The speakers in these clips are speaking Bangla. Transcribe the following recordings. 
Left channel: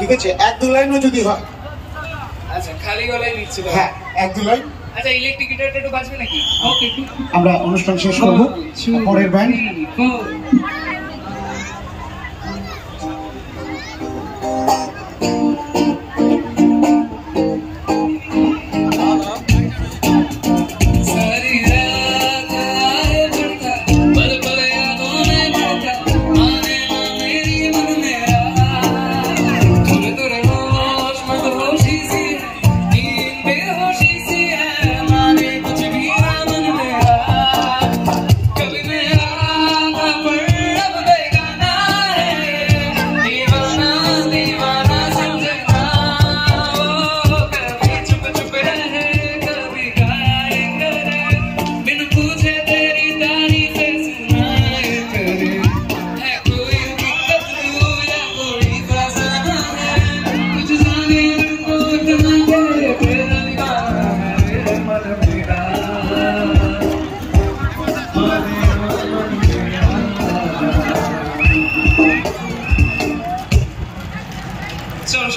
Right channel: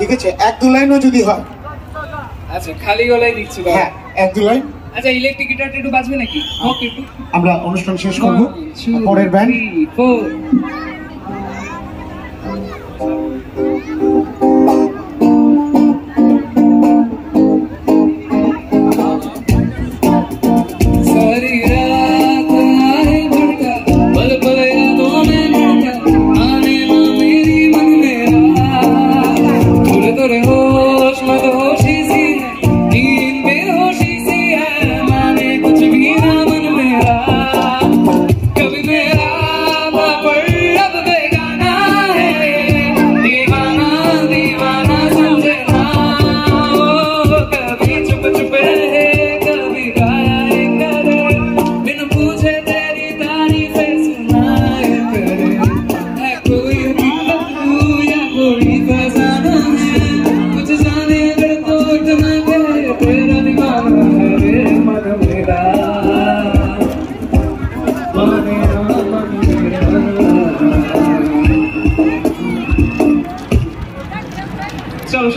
ঠিক আছে, এক দু লাইনও যদি হয়। আচ্ছা, খালি গলায় দিচ্ছি। হ্যাঁ, এক দু লাইন। আচ্ছা, ইলেকট্রিক গিটারটা একটু বাজবে নাকি? ওকে, আমরা অনুষ্ঠান শেষ করব। পরের ব্যান্ড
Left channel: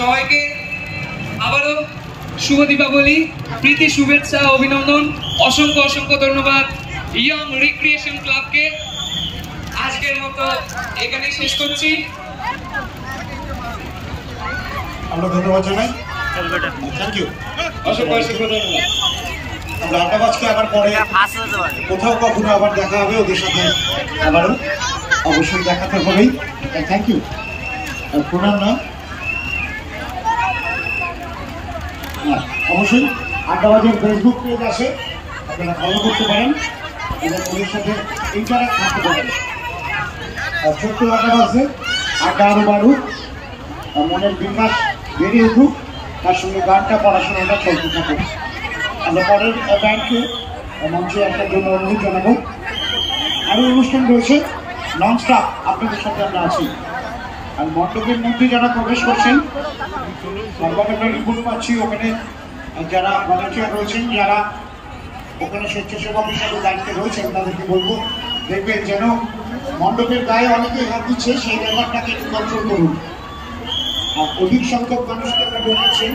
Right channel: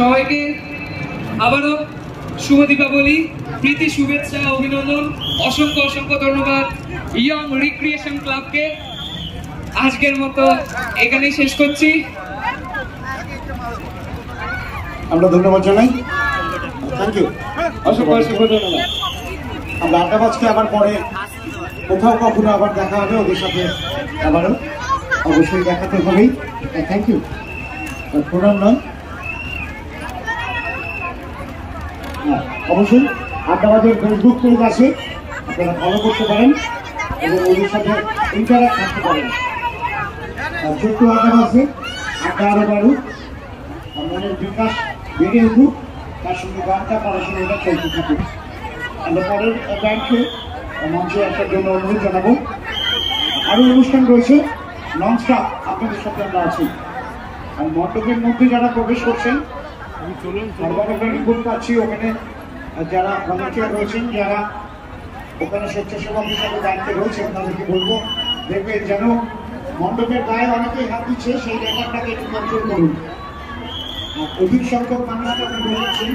সবাইকে আবারও শুভ দীপাবলি, প্রীতি শুভেচ্ছা, অভিনন্দন, অসংখ্য অসংখ্য ধন্যবাদ ইয়ং রিক্রিয়েশন ক্লাবকে। আজকের মতো এখানেই শেষ করছি। আমরা ধন্যবাদ জানাই। থ্যাংক ইউ, অসংখ্য অসংখ্য ধন্যবাদ। আমরা আড্ডাবাজকে আবার পরে কোথাও কখনো আবার দেখা হবে ওদের সাথে, আবারও অবশ্যই দেখাতে হবেই। Thank you. প্রণাম নাম অবশ্যই আড্ডাবাজের ফেসবুক পেজ আছে, আপনারা ফলো করতে পারেন এবং ওদের সাথে ইন্টারাক্ট করতে পারেন। ছোট্ট আড্ডাবাজে আড্ডা আরও বাড়ুক, মনের বিকাশ বেড়ে উঠুক, তার সঙ্গে গানটা পড়াশোনাটা চলতে থাকুক। আমরা পরের ব্যান্ডকে মঞ্চে আসার জন্য অনুরোধ জানাবো। আরও অনুষ্ঠান রয়েছে নন স্টপ, আপনাদের সাথে আমরা আছি। আর মণ্ডপের মধ্যে যারা প্রবেশ করছেন, সর্বাধিক রিপোর্ট পাচ্ছি ওখানে যারা ভলান্টিয়ার রয়েছেন, যারা ওখানে স্বেচ্ছাসেবক হিসাবে দায়িত্বে রয়েছেন, তাদেরকে বলবো দেখবেন যেন মণ্ডপের গায়ে অনেকেই হাত দিচ্ছে, সেই ব্যাপারটাকে একটু কন্ট্রোল করুন। আর অধিক সংখ্যক মানুষকে বলছেন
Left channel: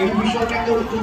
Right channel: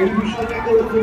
এই বিষয়টাকে একটু